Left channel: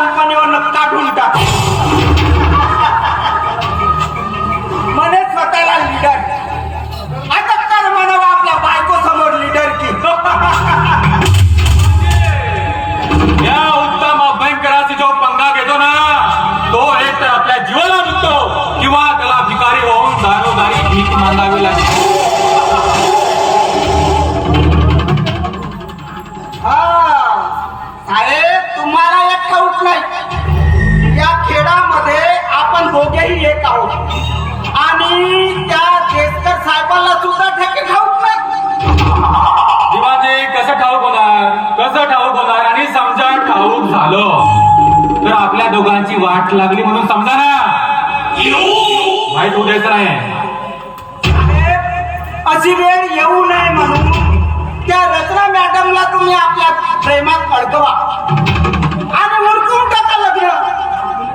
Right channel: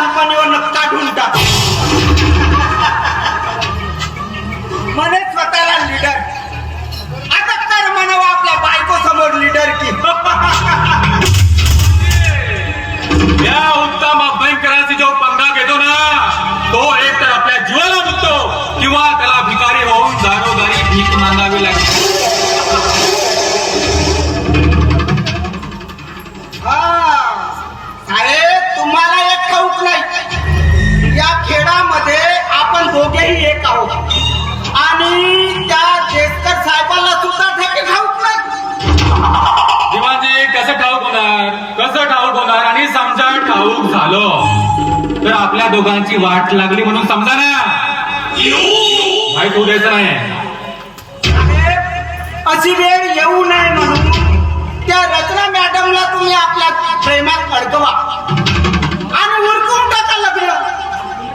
लहानपणीवर काढून टाक. म्हणे स्वतःला लिडर आता कर म्हणावं आपल्या बायको समोर लिडर की. या उत्तम भयंकराचे जो पंगा घेतो ना तो एक तर आपल्या जीवाला मुकतो किंवा त्याला भिकारी होऊन दारोदारी भीक मागावी. कसं ठाऊक होणार आणि समजा ठाऊक झालं तर आपल्या दोघांची वाट लागली म्हणून समजा ना. माहीत होऊ द्यायचं नाही अशी वेळ येऊ नये म्हणून त्या रचना मॅडमला तुम्ही आपल्या प्रेमात अडकवा आणि उरकून टाका लग्न.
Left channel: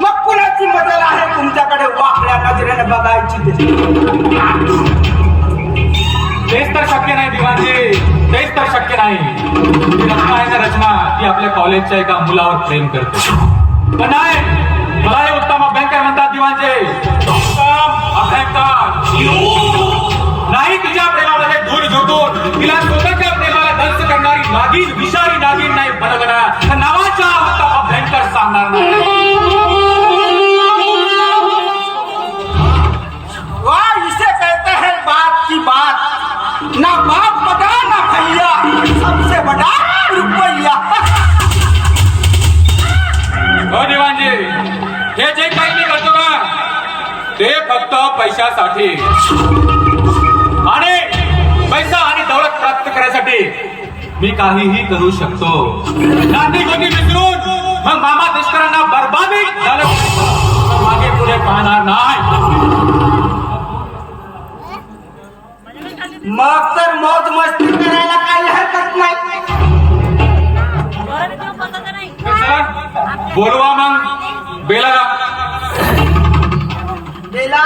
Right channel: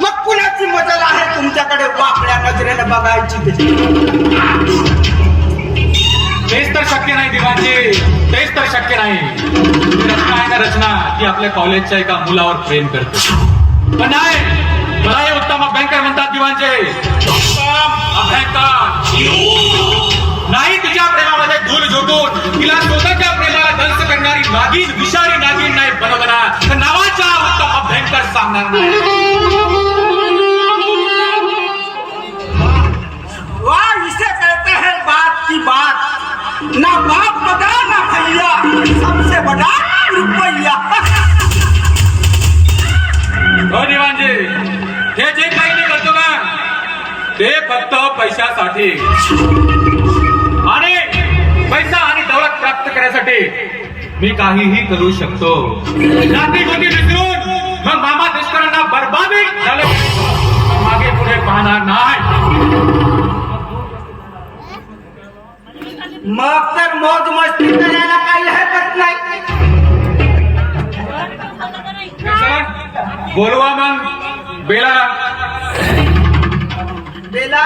मग कुणाची मजा आहे तुमच्याकडे वाकड्या नजरेने बघायची. तेच तर शक्य नाही दिवाणजी. तेच तर शक्य नाही. रचना आहे ना रचना, ती आपल्या कॉलेजच्या एका मुलावर प्रेम करते. पण नाही, मला हे उत्तम अभ्यंकर म्हणतात अभ्यंकर. नाही तुझ्या प्रेमामध्ये धूल झोटून, तिला स्वतःच्या प्रेमाला दंस करणारी नागिन, विषारी नागिन नाही बनवणार तर नावाचा उत्तम अभ्यंकर सांगणार नाही. ना हो हे जे काही मी करतो ना ते फक्त पैशासाठी. आणि पैसा आणि दौलत प्राप्त करण्यासाठी मी काहीही करू शकतो. विसरून मग मामा दुष्करांना बरबादी झालं. मागे पुढे पाहणार नाही. मग तर मौज मस्ती बोलवा मग. बेला. बेला.